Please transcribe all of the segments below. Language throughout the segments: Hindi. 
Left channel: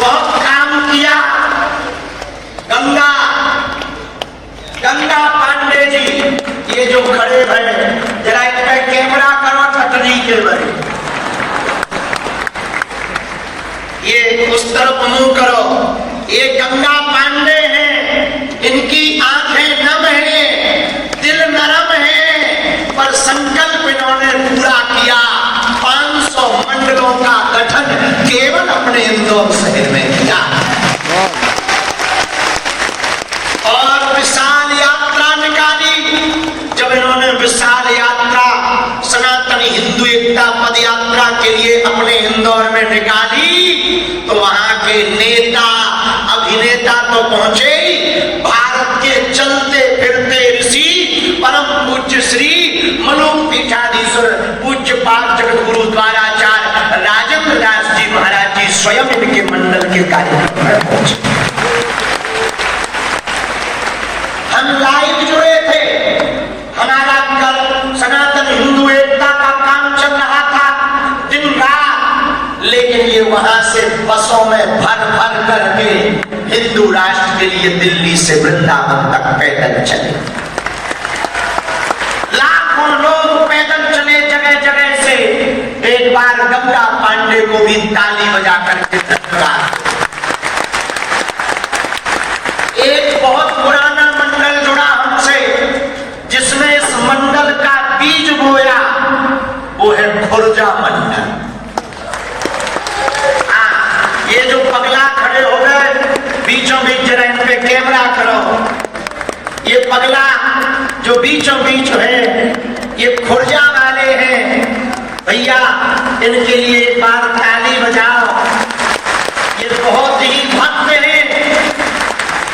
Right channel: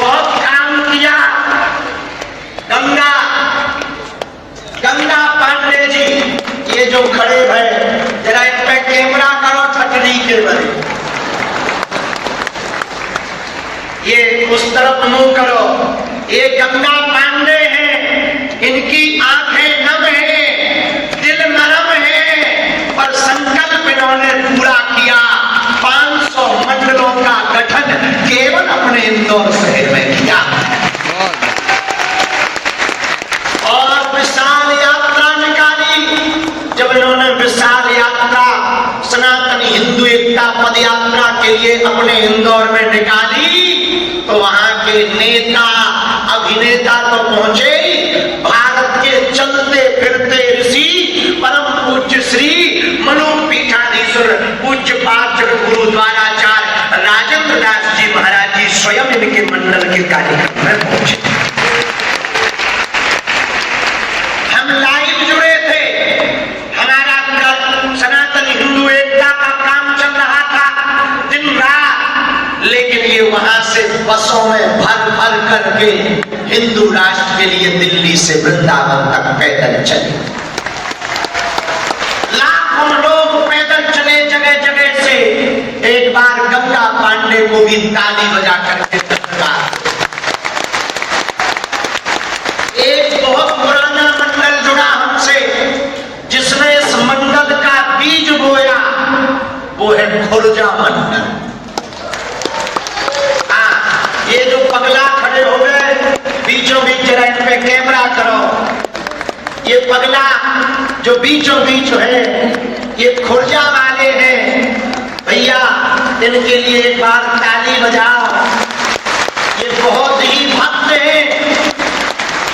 बहुत काम किया। गंगा पांडे जी, ये जो खड़े हैं, जरा इन पे कैमरा करो छतरी के बड़े, ये उस तरफ मुंह करो। ये गंगा पांडे हैं, इनकी आंखें नम हैं, दिल नरम है, पर संकल्प इन्होंने पूरा किया। 500 मंडलों का गठन केवल अपने इंदौर शहर में किया और विशाल यात्रा निकाली। जब इन्होंने विशाल यात्रा सनातन हिंदू एकता पद यात्रा के लिए अपने इंदौर में निकाली, तो वहां के नेता अभिनेता तो पहुंचे, भारत के चलते फिरते ऋषि परम पूज्य श्री मनोपीठाधीश्वर पूज्य पाठ जगत गुरु द्वाराचार्य राजेंद्र दास जी महाराज जी स्वयं इनके मंडल के कार्यक्रम में पहुंचे। हम लाइव जुड़े थे, हमारा कल सनातन हिंदू एकता का काम चल रहा था दिन रात, लेकिन ये वहां से बसों में भर भर करके हिंदू राष्ट्र के लिए दिल्ली से वृंदावन तक पैदल चले। लाखों लोग पैदल चले जगह जगह से। एक बार गंगा पांडे को भी ताली बजा करके धन्यवाद। एक बहुत पुराना मंडल जुड़ा हमसे, जिसने इस मंडल का बीज बोया, वो है खुर्जा मंडल। ये जो पगला खड़े हो गए बीचों बीच, जरा इन पे कैमरा करो। ये पगला जो बीचों बीच है, ये खुर्जा वाले हैं। भैया इनके लिए एक बार ताली बजाओ। ये बहुत ही भक्त हैं,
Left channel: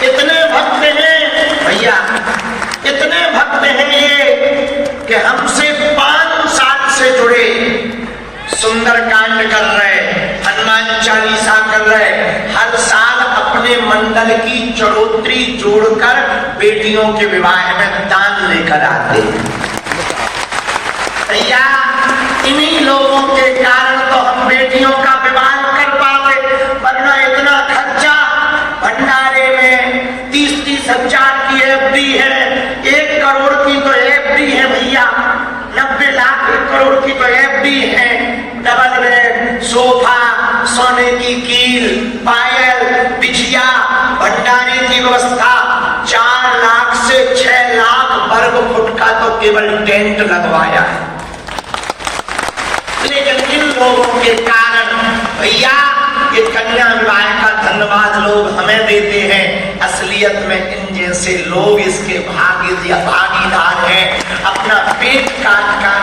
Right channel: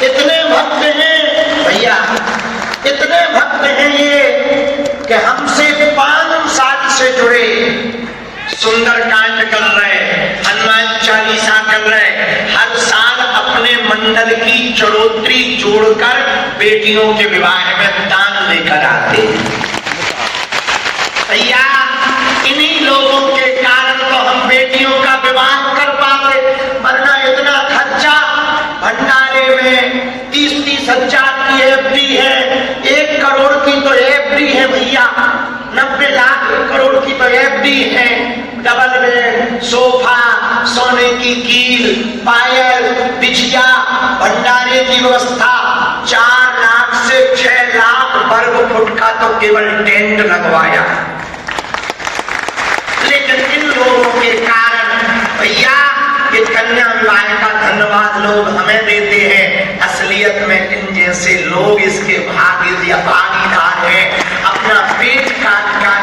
इतने भक्त हैं भैया, इतने भक्त हैं ये कि हमसे 5 साल से जुड़े, सुंदरकांड कर रहे, हनुमान चालीसा कर रहे, हर साल अपने मंडल की चढ़ोतरी जोड़कर बेटियों के विवाह में दान लेकर आते। भैया इन्हीं लोगों के कारण तो हम बेटियों का विवाह कर पाते, वरना इतना खर्चा। भंडारे में 30-30 हजार की एफडी है, 1 करोड़ की तो एफडी है भैया, 90 लाख 1 करोड़ की तो एफडी है। डबल बेड, सोफा, सोने की कील, पायल, बिछिया, भंडारे की व्यवस्था, 4 लाख से 6 लाख वर्ग फुट का तो केवल टेंट लगवाया। लेकिन इन लोगों के कारण भैया ये कन्या विवाह का धन्यवाद लोग हमें देते हैं। असलियत में इन जैसे लोग इसके भागीदार हैं। अपना पेट काट कर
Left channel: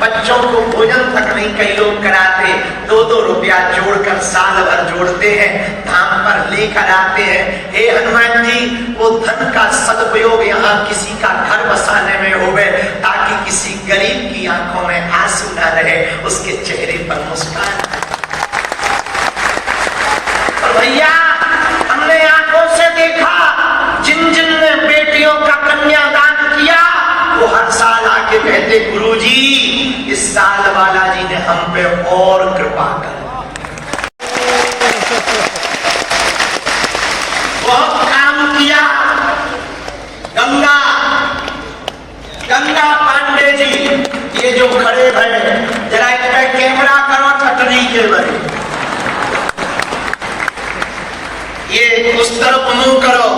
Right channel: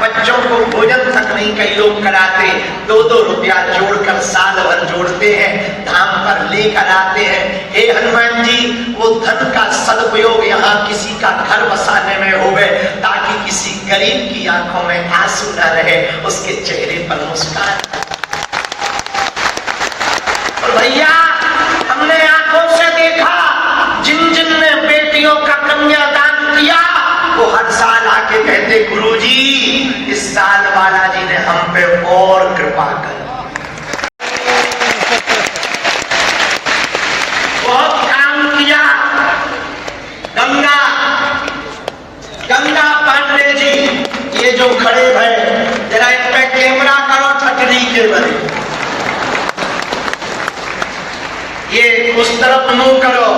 बच्चों को भोजन तक नहीं कई लोग कराते, 2-2 रुपया जोड़कर साल भर जोड़ते हैं, धाम पर लेकर आते हैं। हे हनुमान जी, वो धन का सदुपयोग यहाँ किसी का घर बसाने में होवे, ताकि किसी गरीब की आंखों में आंसू न रहे, उसके चेहरे पर मुस्कान। तो भैया हमने आंखों से देखा, जिन ने बेटियों का कन्यादान किया, वो हर साल आके कहते, गुरुजी इस साल बालाजी ने हम पे और कृपा कर। बहुत काम किया। गंगा पांडे जी, ये जो खड़े हैं, जरा इन पे कैमरा करो छतरी के बड़े, ये उस तरफ मुंह करो।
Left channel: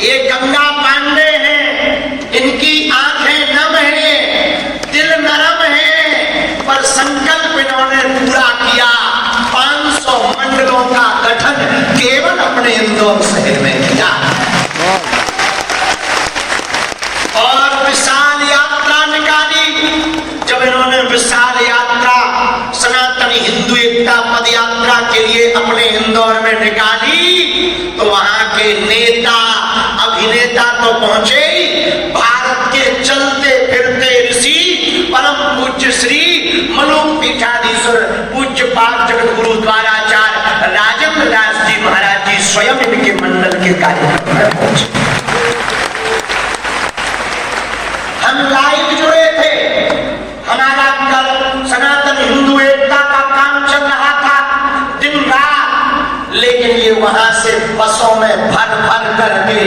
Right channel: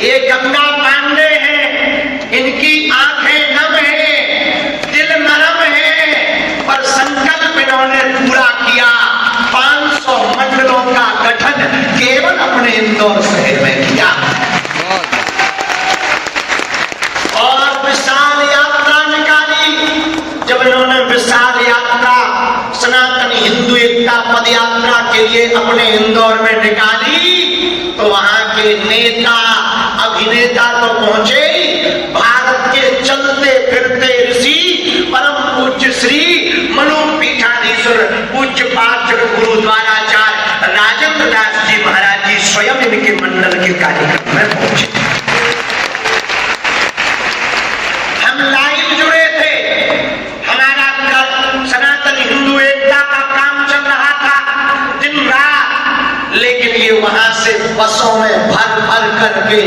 ये गंगा पांडे हैं, इनकी आंखें नम हैं, दिल नरम है, पर संकल्प इन्होंने पूरा किया। 500 मंडलों का गठन केवल अपने इंदौर शहर में किया और विशाल यात्रा निकाली। जब इन्होंने विशाल यात्रा सनातन हिंदू एकता पद यात्रा के लिए अपने इंदौर में निकाली, तो वहां के नेता अभिनेता तो पहुंचे, भारत के चलते फिरते ऋषि परम पूज्य श्री मनोपीठाधीश्वर पूज्य पाठ जगत गुरु द्वाराचार्य राजेंद्र दास जी महाराज जी स्वयं इनके मंडल के कार्यक्रम में पहुंचे। हम लाइव जुड़े थे, हमारा कल सनातन हिंदू एकता का काम चल रहा था बसों में भर भर करके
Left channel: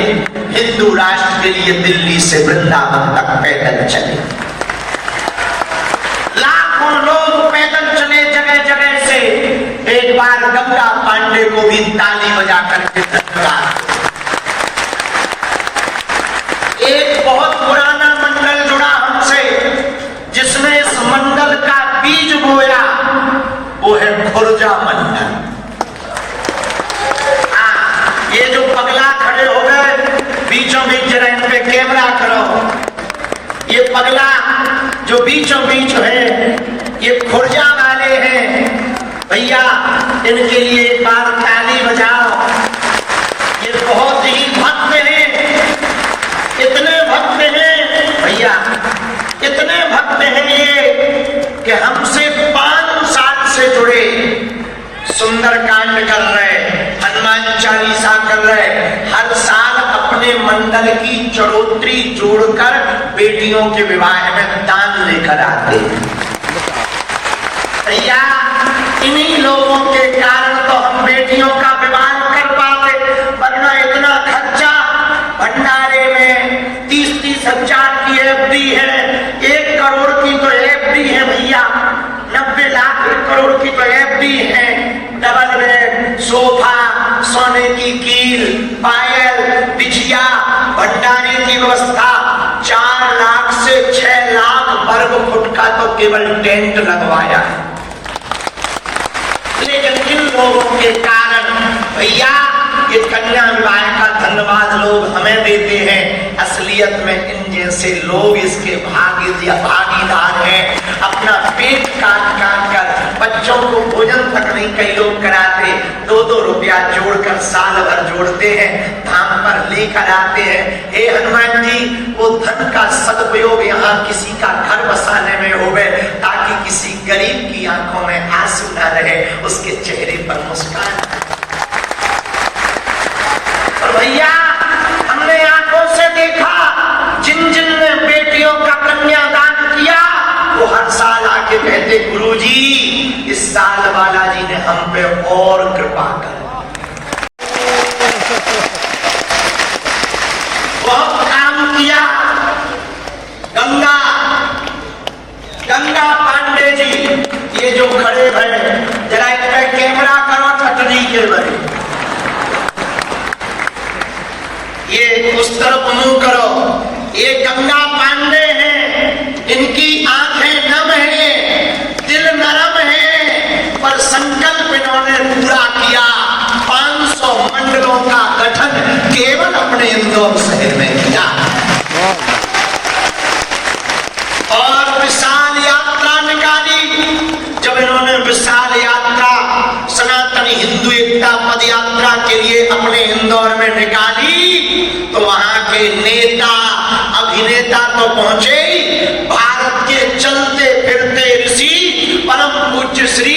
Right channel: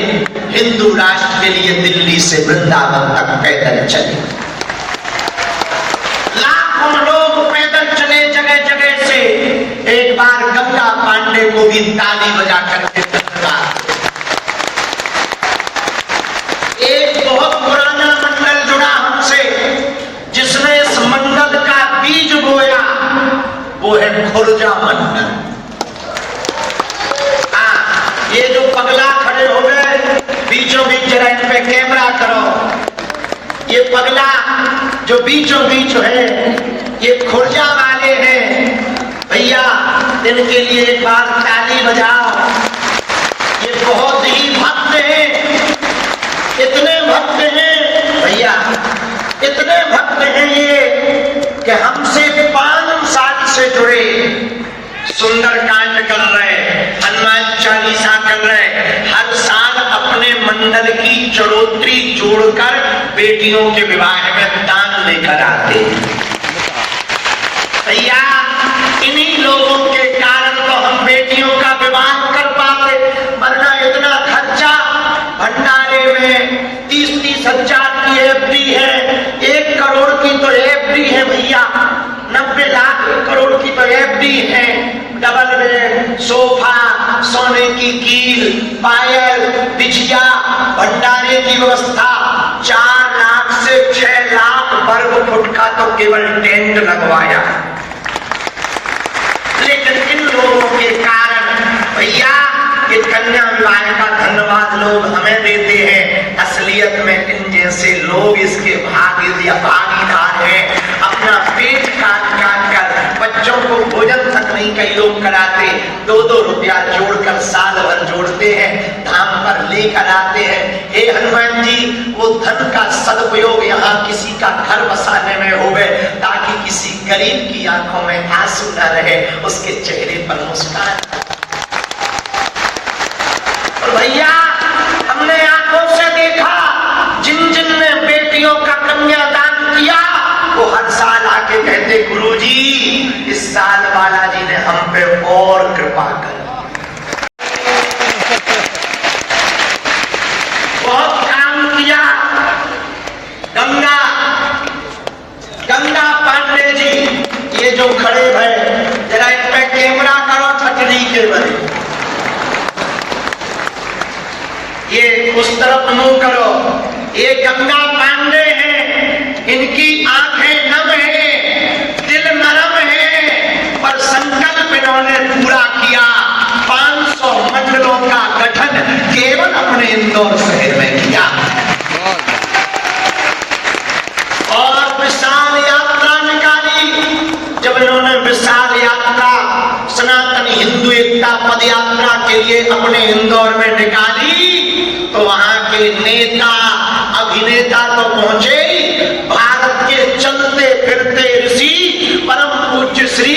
हिंदू राष्ट्र के लिए दिल्ली से वृंदावन तक पैदल चले। लाखों लोग पैदल चले जगह जगह से। एक बार गंगा पांडे को भी ताली बजा करके धन्यवाद। एक बहुत पुराना मंडल जुड़ा हमसे, जिसने इस मंडल का बीज बोया, वो है खुर्जा मंडल। ये जो पगला खड़े हो गए बीचों बीच, जरा इन पे कैमरा करो। ये पगला जो बीचों बीच है, ये खुर्जा वाले हैं। भैया इनके लिए एक बार ताली बजाओ। ये बहुत ही भक्त हैं, इतने भक्त हैं भैया, इतने भक्त हैं ये कि हमसे 5 साल से जुड़े, सुंदरकांड कर रहे, हनुमान चालीसा कर रहे, हर साल अपने मंडल की चढ़ोतरी जोड़कर बेटियों के विवाह में दान लेकर आते हैं। भैया इन्हीं लोगों के कारण तो हम बेटियों का विवाह कर पाते, वरना इतना खर्चा। भंडारे में 30-30 हजार की एफडी है, 1 करोड़ की तो एफडी है भैया, 90 लाख 1 करोड़ की तो एफडी है। डबल बेड, सोफा, सोने की कील, पायल, बिछिया, भंडारे की व्यवस्था, 4 लाख से 6 लाख वर्ग फुट का तो केवल टेंट लगवाया। लेकिन इन लोगों के कारण भैया ये कन्या विवाह का धन्यवाद लोग हमें देते हैं। असलियत में इन जैसे लोग इसके भागीदार हैं। अपना पेट काट कर बच्चों को भोजन तक नहीं कई लोग कराते, 2-2 रुपया जोड़कर साल भर जोड़ते हैं, धाम पर लेकर आते हैं। हे हनुमान जी, वो धन का सदुपयोग यहाँ किसी का घर बसाने में होवे, ताकि किसी गरीब की आंखों में आंसू न रहे, उसके चेहरे पर मुस्कान। भैया हमने आंखों से देखा, जिन जिन ने बेटियों का कन्यादान किया, वो हर साल आके कहते, गुरुजी इस साल बालाजी ने हम पे और कृपा कर। बहुत काम किया। गंगा पांडे जी ये जो खड़े हैं, जरा इन पे कैमरा करो छतरी के बने, ये उस तरफ मुंह करो। ये गंगा पांडे हैं, इनकी आंखें नम हैं, दिल नरम है, पर संकल्प इन्होंने पूरा किया। 500 मंडलों का गठन केवल अपने इंदौर शहर में किया और विशाल यात्रा निकाली। जब इन्होंने विशाल यात्रा सनातन हिंदू एकता पद यात्रा के लिए अपने इंदौर में निकाली, तो वहां के नेता अभिनेता तो पहुंचे, भारत के चलते फिरते ऋषि परम पूज्य श्री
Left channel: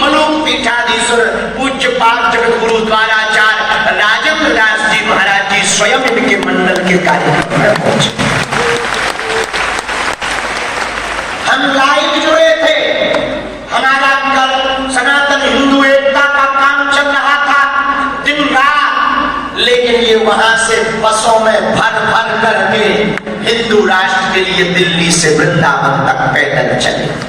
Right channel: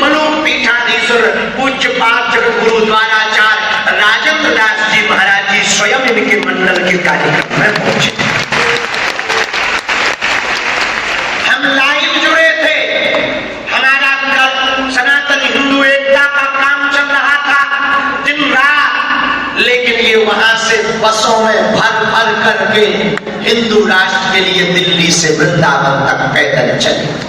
मनोपीठाधीश्वर पूज्य पाठ जगत गुरु द्वाराचार्य राजेंद्र दास जी महाराज जी स्वयं इनके मंडल के कार्यक्रम में पहुंचे। हम लाइव जुड़े थे, हमारा सनातन हिंदू एकता का काम चल रहा था दिन रात, लेकिन ये वहां से बसों में भर भर करके हिंदू राष्ट्र के लिए दिल्ली से वृंदावन तक पैदल चले।